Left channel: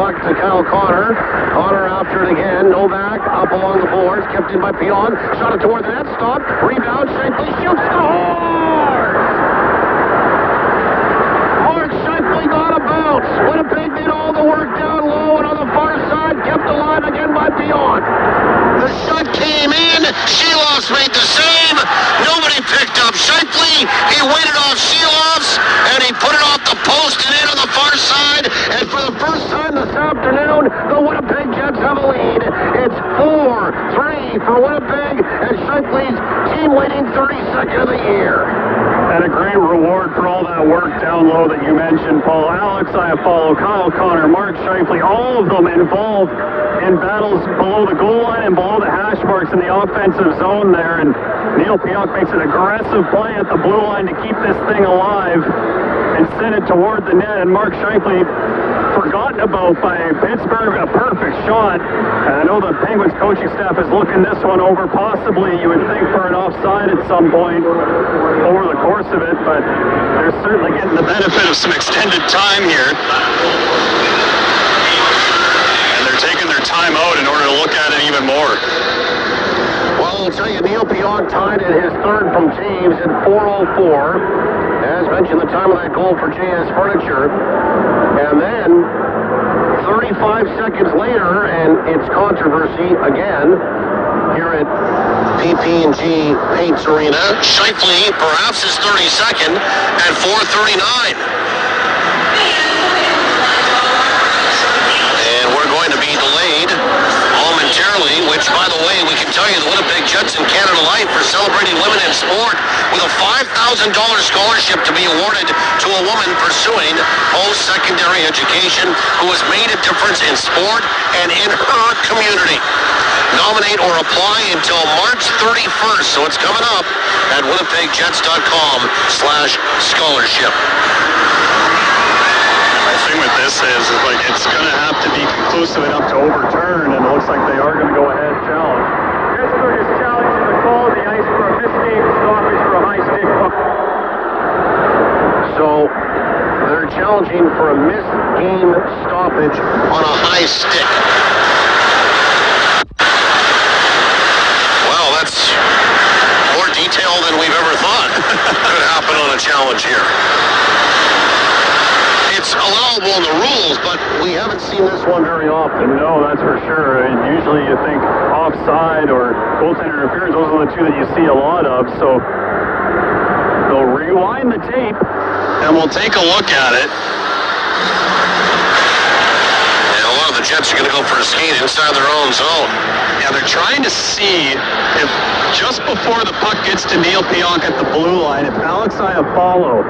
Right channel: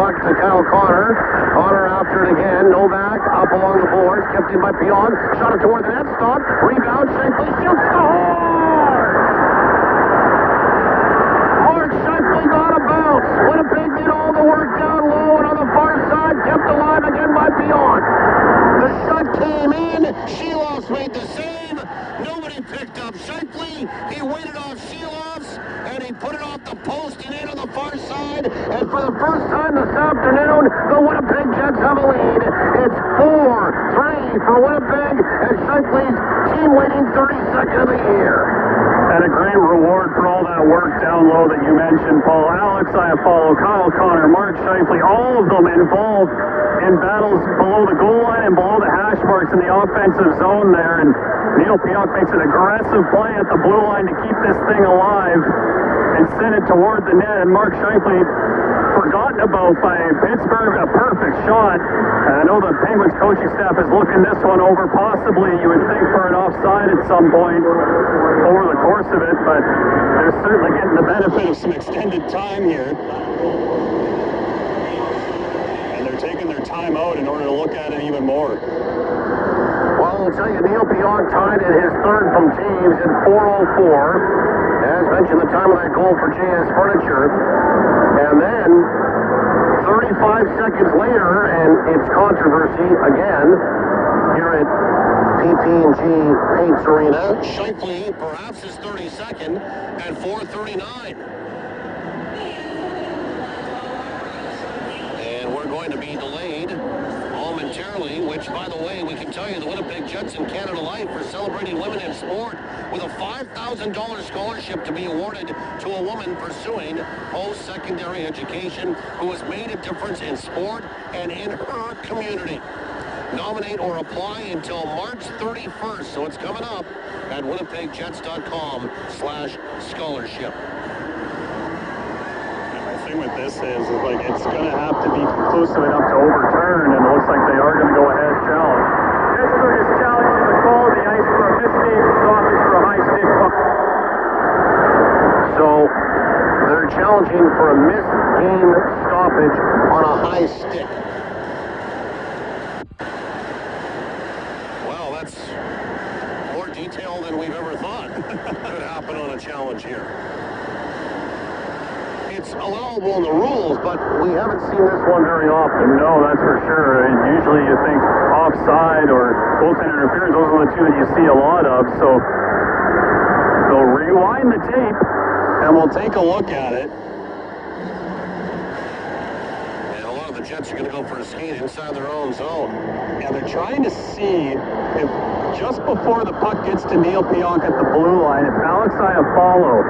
puck to Kyle Connor. Connor after it again. Novak up along the boards. Kept in by Pion. Shot it toward the net. Stop. Rebound. Shifley shoots. Scores! Mark Shifley got a bounce. Winnipeg did all the work down low and on the far side. Kept alive again by Pion. The shot came in. Sheloffs made the save. Nobody picked up Shifley. He waited off Sheloffs, and he put it off the post and in on the far side. And for the first time this afternoon, the Winnipeg Jets have a lead. It's 4-3 for Winnipeg, and Shifley's team-leading 32nd of the year. And a great reward for all that work down low that you mentioned, Paul. Alex Iafallo, Kyle Connor, Mark Shifley, all of them involved in battles below the goal line and below the hash marks in the offensive zone there. And Neil Pionk makes an aggressive play at the blue line to keep this thing alive and send it toward the net. And Mark Shifley, forgotten about by Pittsburgh, a perfect shot. And I know the Penguins coaching staff is looking this one over, possibly, you would think, for an offside at some point over the course of it, but they're certainly getting the benefit of some extended time here. And they're taking their time out in order to look at it even more. Well, I'll tell you, Neil Pionk tied at his third from Taves at 4:04. As mentioned, the time of that goal for JS Furniture. And then 35 seconds later, and it's controversy again here at PP&G Paints Arena. Shifley, perhaps his 32nd at 4:39. And we're going to be delayed momentarily, which, by the way, we can tell you the Winnipeg Jets and Canada Life are celebrating women in sport with a $5,000 scholarship to be awarded to a woman pursuing post-secondary education who has made a difference in sport and in her community. Nominate or apply until March 31st, so it's coming up at winnipegjets.com/scholarship. The thing with this is like it's going to have to be conclusive enough to overturn, and it looks like they are going to go ahead and challenge. Pittsburgh is challenging the call of the ice for a missed game stoppage for a high stick puck. So they're challenging for a missed game stoppage on a high stick. Well, that's more detail than we've ever thought could happen on a challenge here. It's allowable in the rules, but we haven't seen this one very often. No, that's for sure. And usually you think offside or goaltender interference, those are the two that you see a lot of. So they'll rewind the tape and we'll take a look at it. And a lot of the Jets are going to go for a skate inside their own zone. Yeah, they're trying to see if just before the puck gets to Neil Pionk at the blue line, if Alex Iafallo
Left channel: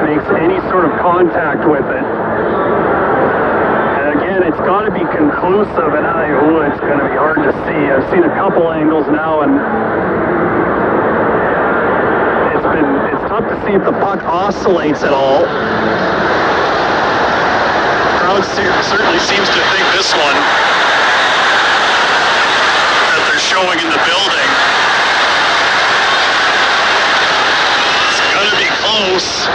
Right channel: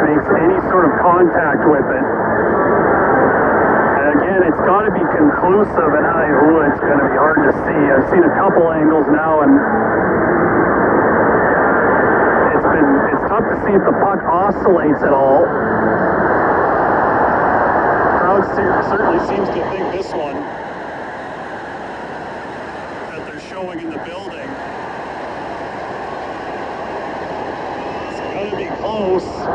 makes any sort of contact with it. And again, it's got to be conclusive, and it's going to be hard to see. I've seen a couple angles now, and it's tough to see if the puck oscillates at all. The crowd certainly seems to think this one that they're showing in the building. It's going to be close.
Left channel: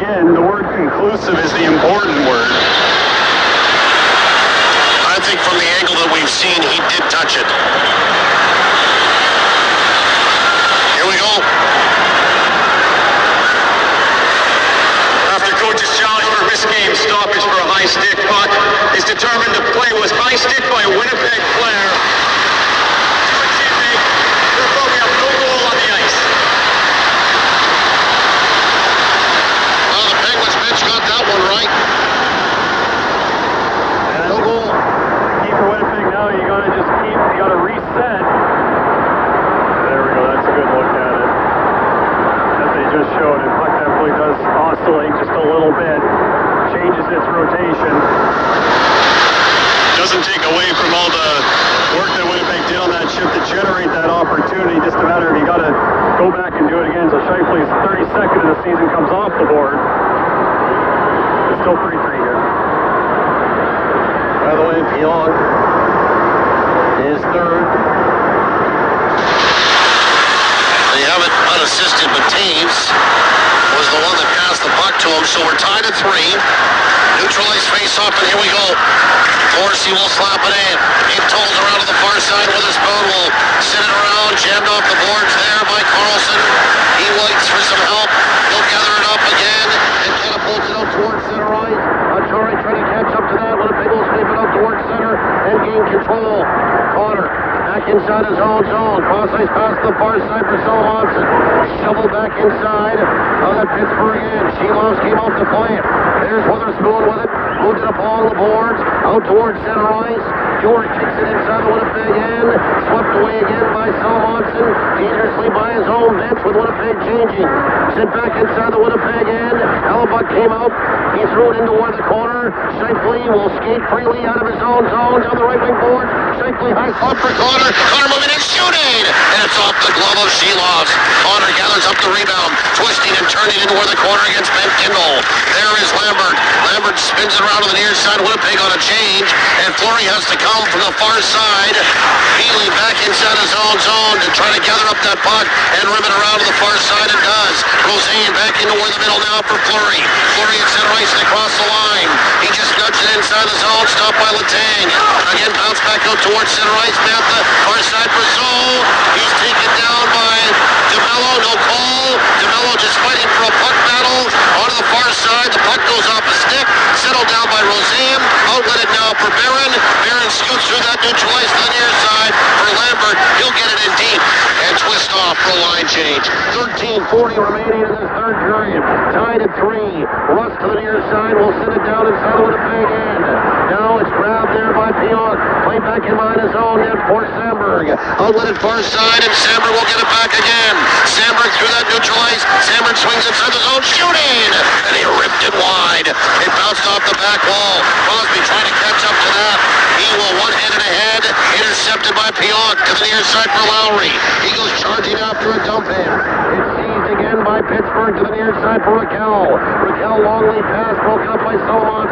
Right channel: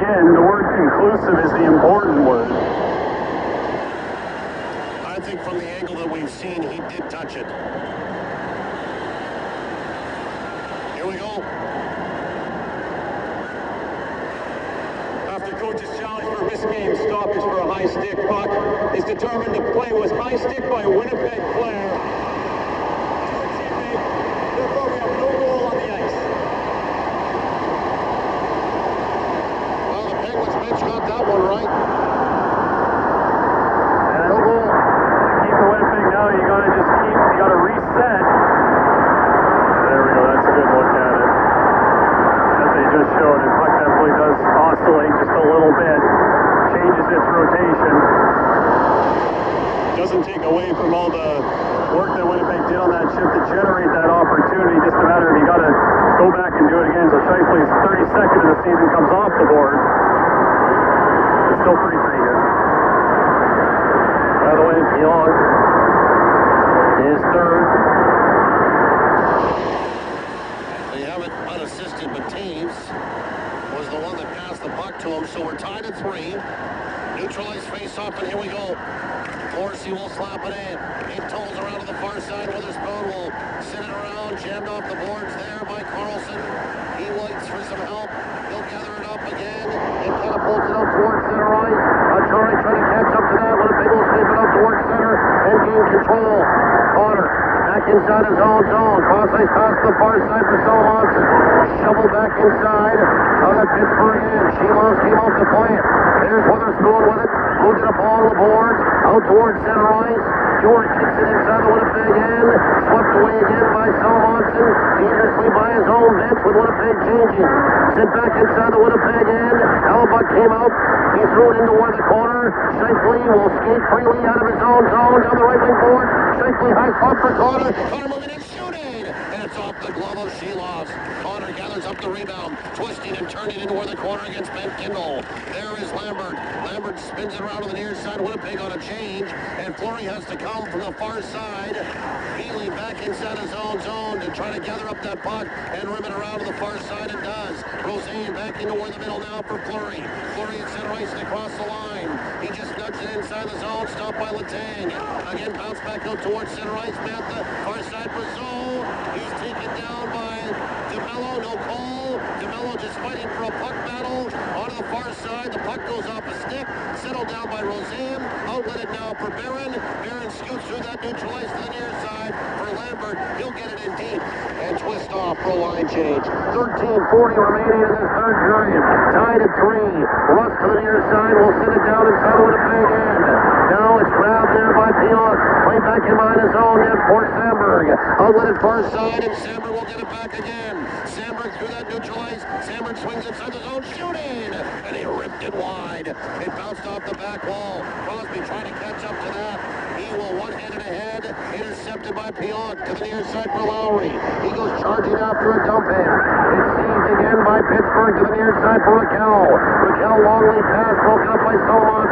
Again, the word conclusive is the important word. I think from the angle that we've seen, he did touch it. Here we go. After coach's challenge for a missed game stoppage for a high stick puck is determined the play was high stick by a Winnipeg player. Therefore, we have no goal on the ice. Well, the Penguins bench got that one right. No goal. Keeper Winnipeg now, you gotta reset. There we go, that's a good look at it. That they just showed. And puck definitely does oscillate just a little bit. Changes its rotation. Doesn't take away from all the work that Winnipeg did on that shift to generate that opportunity. Just a matter of you gotta go back and do it again. So Shifley's 32nd of the season comes off the board. It's still 3-3 here. By the way, Pionk is third. They have it unassisted, but Taves was the one that passed the puck to him, so we're tied at 3. Morrissey will slap it in. It tolls around to the far side. Witherspoon will send it around. Jammed off the boards there by Carlson. He waits for some help. He'll gather it up again and catapults it out towards center ice. Acciari trying to catch up to that. Winnipeg will sweep it out towards center and gain control. Connor back inside his own zone. Cross ice pass to the far side for Solomon. Shovel back inside. Out at Pittsburgh in. Sheelos came out to play it. There's Witherspoon with it. Moved it up along the boards. Out towards center ice. George kicks it inside the Winnipeg end. Swept away again by Solomon. Dangerously by his own bench with Winnipeg changing. Sent back inside the Winnipeg end. Hellebuck came out. He threw it into toward the corner. Shifley will skate freely out of his own zone down the right wing board. Shifley high spot for Connor. Connor moving and shooting. And it's off the glove of Sheelos. Connor gathers up the rebound. Twisting and turning into toward the corner against Ben Kindle. There is Lambert. Lambert spins it around to the near side. Winnipeg on a change. And Fleury has to come from the far side. Healy back inside his own zone to try to gather up that puck and rim it around to the far side. It does. Rosane back into toward the middle now for Fleury. Fleury at center ice and across the line. He just nudged it inside the zone. Stopped by Letang. Again bounced back out towards center ice. Now the far side for Zoll. He's taken down by DeMello. No call. DeMello just fighting for a puck battle. Onto the far side. The puck goes off a stick. Settled down by Rosane. Outlet it now for Barron. Barron scoots through that neutral ice to the near side for Lambert. He'll get it in deep and twist off for a line change. 13:40 remaining in this third period. Tied at 3. Russ to the near side. Will send it down inside the Winnipeg end. Now it's grabbed there by Pionk. Played back in behind his own net for Samberg. Outlet it far side and Samberg will get it back again. Samberg through that neutral ice. Samberg swings inside the zone, shooting! And he ripped it wide. It bounced off the back wall. Crosby trying to catch up to that. He will one-handed ahead. Intercepted by Pionk to the near side for Lowry. He goes charging after a dump in. It's seized again by Pittsburgh to the near side for Raquel. Raquel long lead pass broken up by Solomon.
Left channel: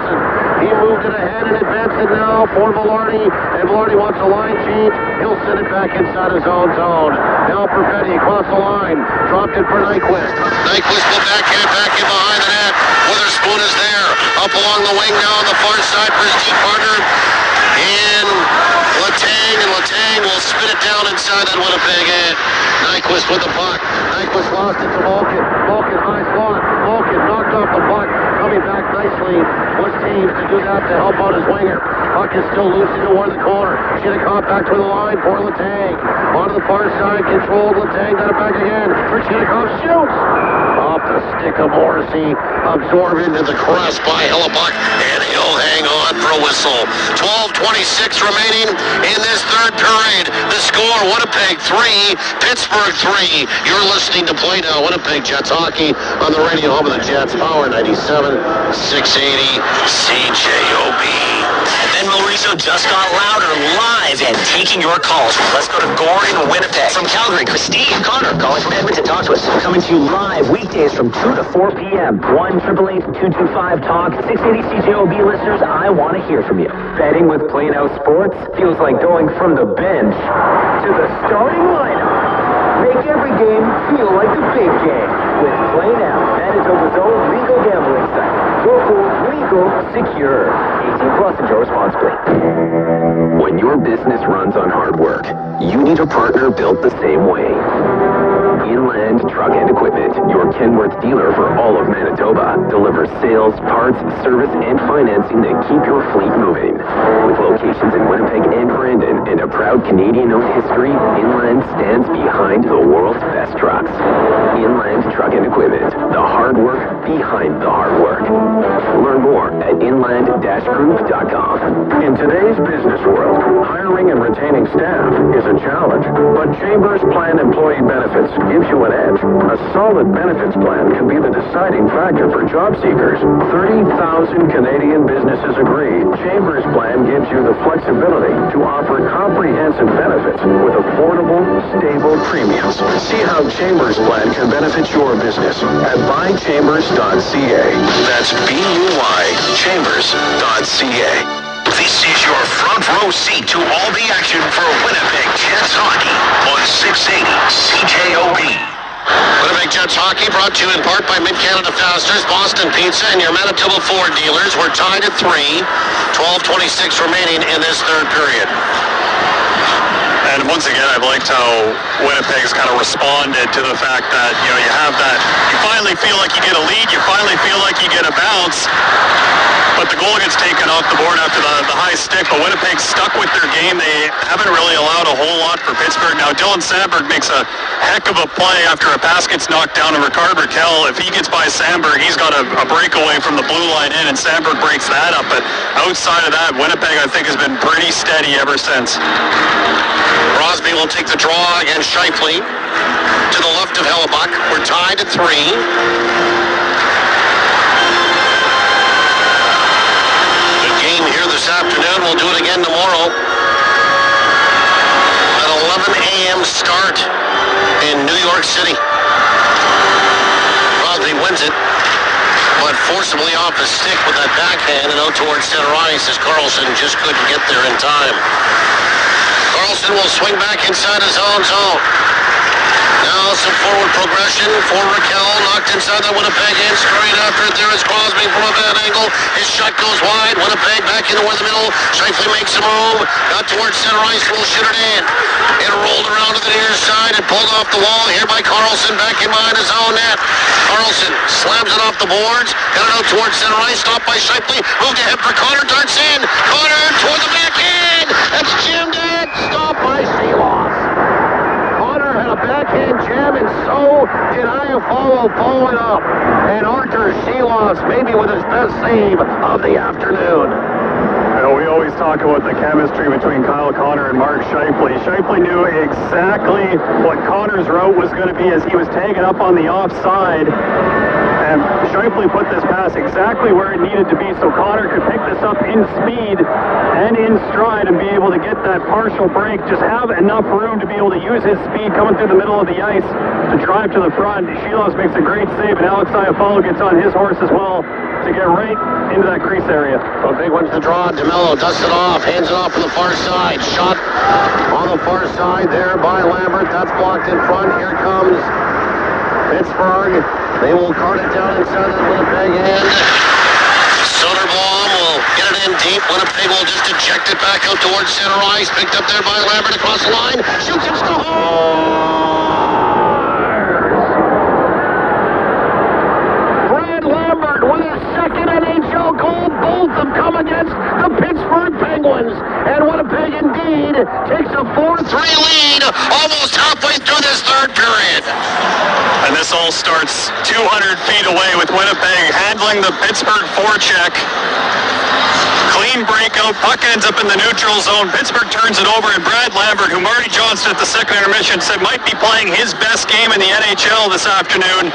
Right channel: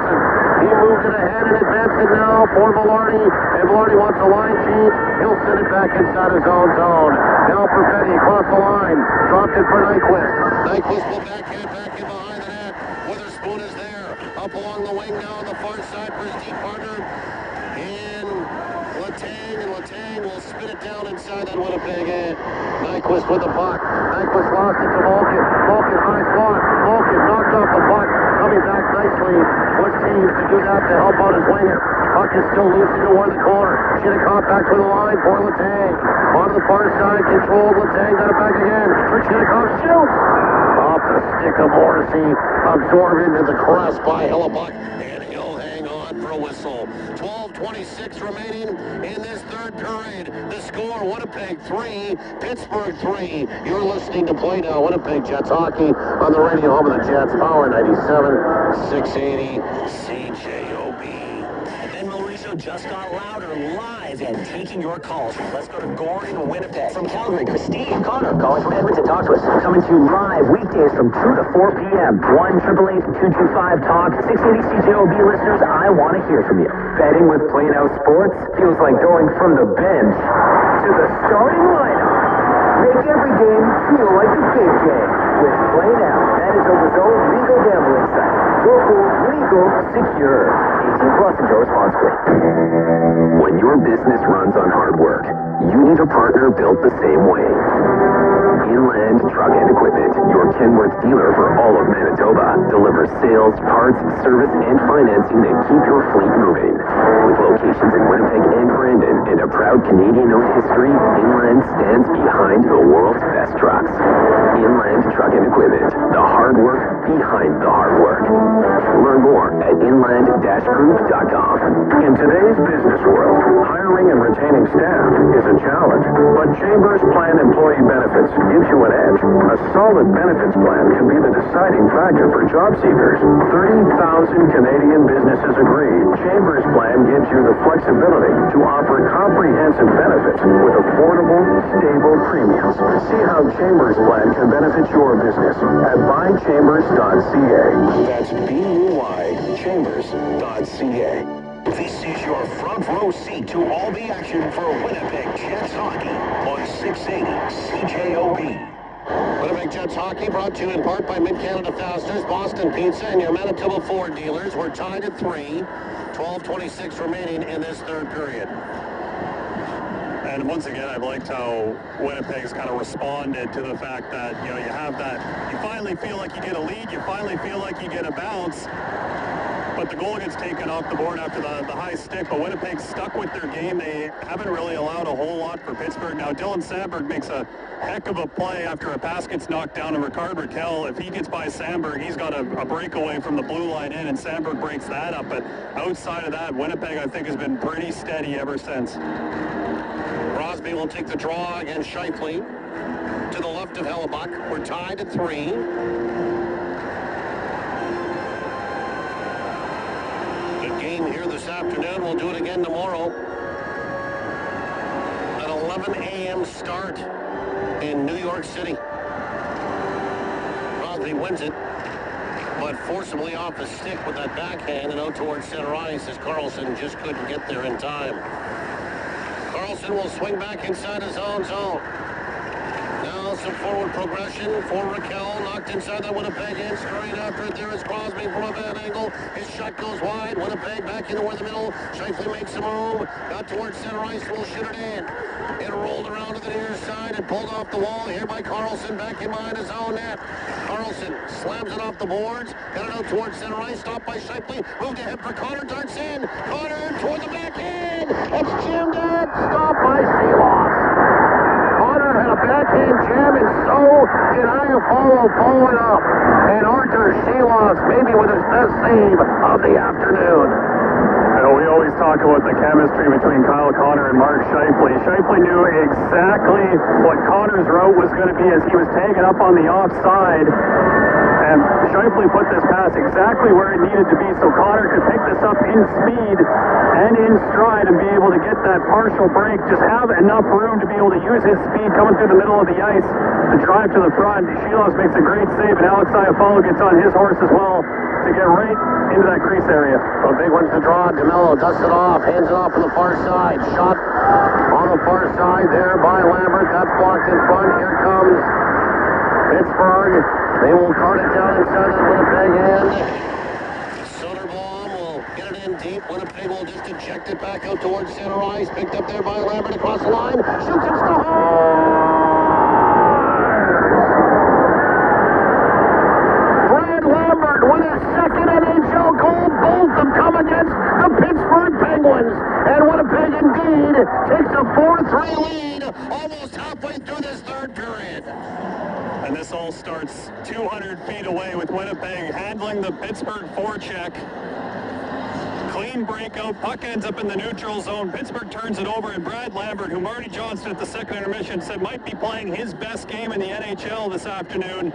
He moved it ahead and advanced it now for Velarde. And Velarde wants a line change. He'll send it back inside his own zone. Now Perfetti across the line. Dropped it for Nyquist. Nyquist will backhand it back in behind the net. Witherspoon is there. Up along the wing now on the far side for his deep partner. And Letang will spin it down inside that Winnipeg end. Nyquist with the puck. Nyquist lost it to Malkin. Malkin high slot. Malkin knocked off the puck. Coming back nicely. Was teams to do that to help out his winger. Puck is still loose into toward the corner. Shinnikov back to the line for Letang. On the far side, controlled. Letang got it back again. For Shinnikov shoots. Off the stick of Morrissey. Absorbed into the crest by Hellebuck. And he'll hang on for a whistle. 12:26 remaining in this third period. The score, Winnipeg 3, Pittsburgh 3. You're listening to Play Now, Winnipeg Jets Hockey on the radio home of the Jets, Power 97, 680 CJOB. And then Mauricio just got louder, live, and taking your calls. Let's go to Gordon, Winnipeg. From Calgary, Christine Connor calling from Edmonton. Talk to us. Coming to you live weekdays from 2 to 4 p.m. 1-888-225-TALK. 680 CJOB listeners, I want to hear from you. Betting with Play Now Sports feels like going from the bench to the starting lineup. Make every game feel like the big game with Play Now, Manitoba's own legal gambling site. Local, legal, secure. 18 plus, enjoy responsibly. When your business runs on hard work, you need a partner built the same way. Inland Truck and Equipment, your Kenworth dealer for all of Manitoba, delivers sales, parts, service, and financing that keep your fleet moving. With locations in Winnipeg and Brandon and a proud Canadian-owned history, Inland stands behind the world's best trucks. Inland Truck and Equipment, the hard work behind the hard work. Learn more at inland-group.com. In today's business world, hiring and retaining staff is a challenge, but Chambers Plan Employee Benefits gives you an edge. A solid benefits plan can be the deciding factor for job seekers. 30,000 Canadian businesses agree. Chambers Plan gives you the flexibility to offer comprehensive benefits with affordable, stable premiums. See how Chambers Plan can benefit your business at buychambers.ca. That's BUY chambers.ca. This is your front row seat to all the action for Winnipeg Jets hockey on 680 CJOB. Winnipeg Jets hockey brought to you in part by Mid-Canada Fasteners, Boston Pizza, and your Manitoba Ford dealers. We're tied at 3. 12:26 remaining in this third period. And once again, I've liked how Winnipeg's kind of responded to the fact that, you know, you have that, you finally feel like you get a lead, you finally feel like you get a bounce, but the goal gets taken off the board after the high stick. But Winnipeg stuck with their game. They haven't really allowed a whole lot for Pittsburgh. Now, Dylan Sandberg makes a heck of a play after a pass gets knocked down to Ricard Raquel. If he gets by Sandberg, he's got a breakaway from the blue line in, and Sandberg breaks that up. But outside of that, Winnipeg, I think, has been pretty steady ever since. Crosby will take the draw against Scheifele to the left of Hellebuck. We're tied at 3. The game here this afternoon. We'll do it again tomorrow. An 11 a.m. start in New York City. Crosby wins it, but forcibly off his stick with that backhand and out towards center ice as Carlson just couldn't get there in time. Carlson will swing back inside his own zone. Now some forward progression for Raquel. Knocked inside the Winnipeg end. Straight after it there is Crosby from a bad angle. His shot goes wide. Winnipeg back in the middle. Scheifele makes a move. Got towards center ice. Will shoot it in. It rolled around to the near side and pulled off the wall here by Carlson. Back in behind his own net. Carlson slams it off the boards. Got it out towards center ice. Stopped by Scheifele. Moved ahead for Connor. Darts in. Connor toward the back end. That's jammed in. Stopped by Silas. Connor had a backhand jam, and so did Iafallo following up. And Arthur Silas maybe with his best save of the afternoon. You know, we always talk about the chemistry between Kyle Connor and Mark Scheifele. Scheifele knew exactly what Connor's route was going to be as he was tagging up on the offside. And Scheifele put this pass exactly where it needed to be so Connor could pick this up in speed and in stride and be able to get that partial break. Just have enough room to be able to use his speed coming through the middle of the ice to drive to the front. Shilos makes a great save, and Alex Iafallo gets on his horse as well to get right into that crease area. A big one's the draw. DeMello dusts it off, hands it off on the far side. Shot on the far side there by Lambert. That's blocked in front. Here comes Pittsburgh. They will cart it down inside the Winnipeg end. Soderblom will get it in deep. Winnipeg will just eject it back out towards center ice. Picked up there by Lambert across the line. Shoots and scores! Brad Lambert with his second NHL goal. Both have come against the Pittsburgh Penguins. And Winnipeg indeed takes a 4-3 lead almost halfway through this third period. And this all starts 200 feet away with Winnipeg handling the Pittsburgh forecheck. Clean breakout, puck ends up in the neutral zone. Pittsburgh turns it over, and Brad Lambert, who Marty Johnston at the second intermission said might be playing his best game in the NHL this afternoon,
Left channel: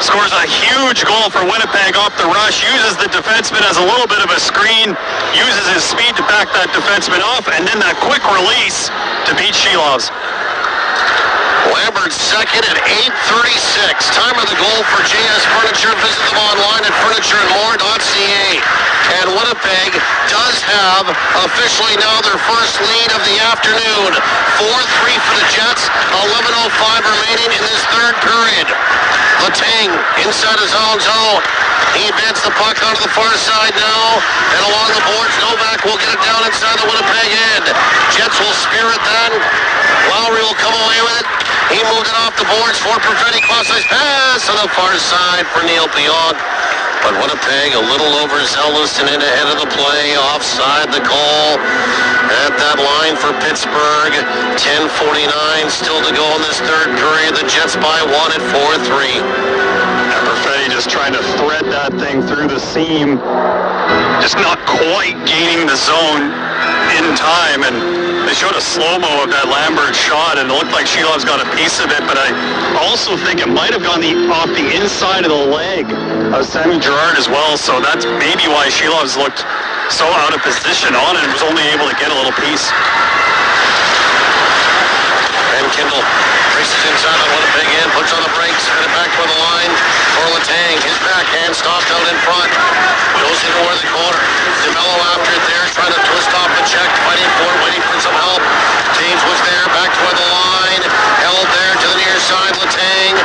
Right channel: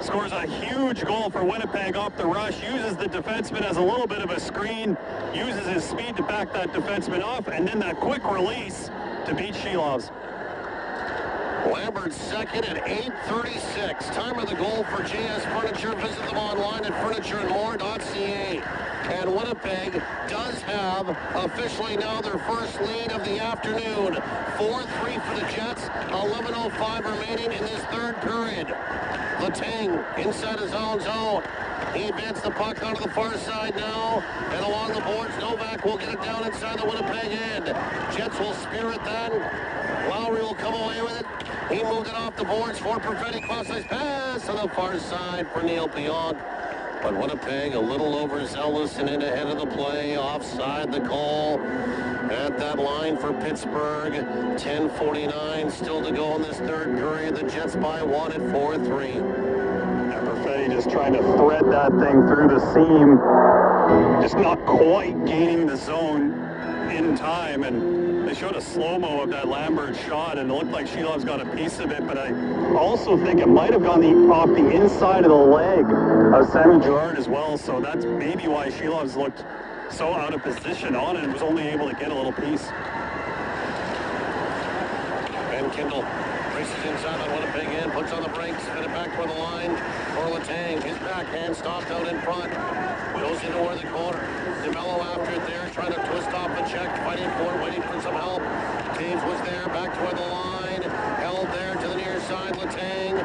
scores a huge goal for Winnipeg off the rush, uses the defenseman as a little bit of a screen, uses his speed to back that defenseman off, and then that quick release to beat Shilovs. Lambert second at 8:36. Time of the goal for JS Furniture. Visit them online at furnitureandmore.ca. And Winnipeg does have officially now their first lead of the afternoon. 4-3 for the Jets. 11:05 remaining in this third period. Letang inside his own zone. He advanced the puck onto the far side now. And along the boards, Novak will get it down inside the Winnipeg end. Jets will spear it then. Lowry will come away with it. He moved it off the boards for Perfetti. Cross-ice pass on the far side for Neil Pionk. But Winnipeg a little overzealous and in ahead of the play. Offside the call at that line for Pittsburgh. 10:49 still to go in this third period. The Jets by 1 at 4-3. And Perfetti just trying to thread that thing through the seam. Just not quite gaining the zone in time. And they showed a slow-mo of that Lambert shot, and it looked like Shilov's got a piece of it, but I also think it might have gone off the inside of the leg of Sammy Girard as well, so that's maybe why Shilov's looked so out of position on it and was only able to get a little piece. And Kindle races inside the Winnipeg end, puts on the brakes, spin it back toward the line for Letang. His backhand stopped out in front. Goes into where the corner. DeMello after it there, trying to twist off the check, fighting for it, waiting for some help. James was there, back toward the line, held there to the near side. Letang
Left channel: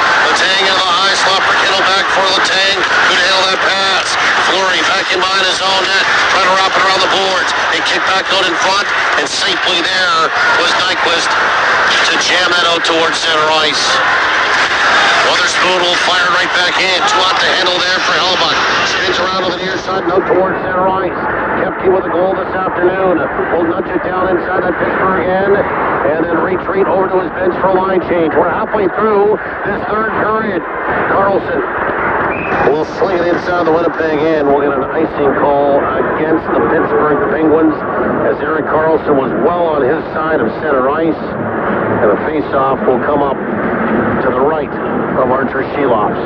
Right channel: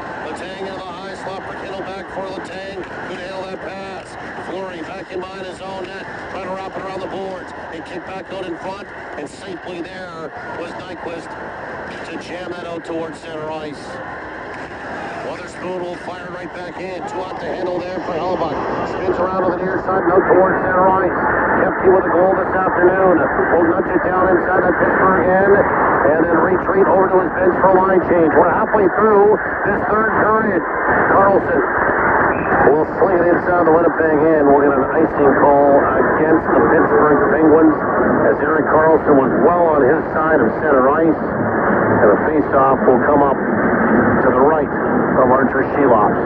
net, trying to wrap it around the boards. They kick back out in front, and safely there was Nyquist to jam that out towards center ice. Wotherspoon will fire right back in. Too hot to handle there for Hellebuck. Spins around on the near side, and out towards center ice. Kepke with a goal this afternoon. Will nudge it down inside that Pittsburgh end, and then retreat over to his bench for a line change. We're halfway through this third period. Carlson will sling it inside the Winnipeg end. We'll get an icing call against the Pittsburgh Penguins as Erik Karlsson was well on his side of center ice, and the face-off will come up to the right of Archer Sheloffs.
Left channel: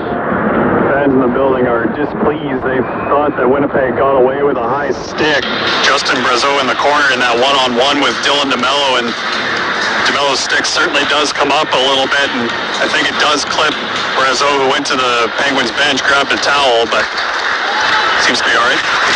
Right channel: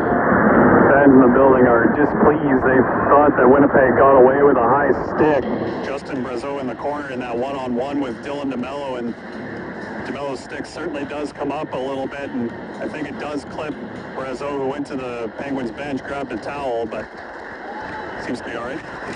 Fans in the building are displeased. They thought that Winnipeg got away with a high stick. Justin Brazeau in the corner in that one-on-one with Dylan DeMello, and DeMello's stick certainly does come up a little bit, and I think it does clip Brazeau, who went to the Penguins bench, grabbed a towel, but seems to be all right.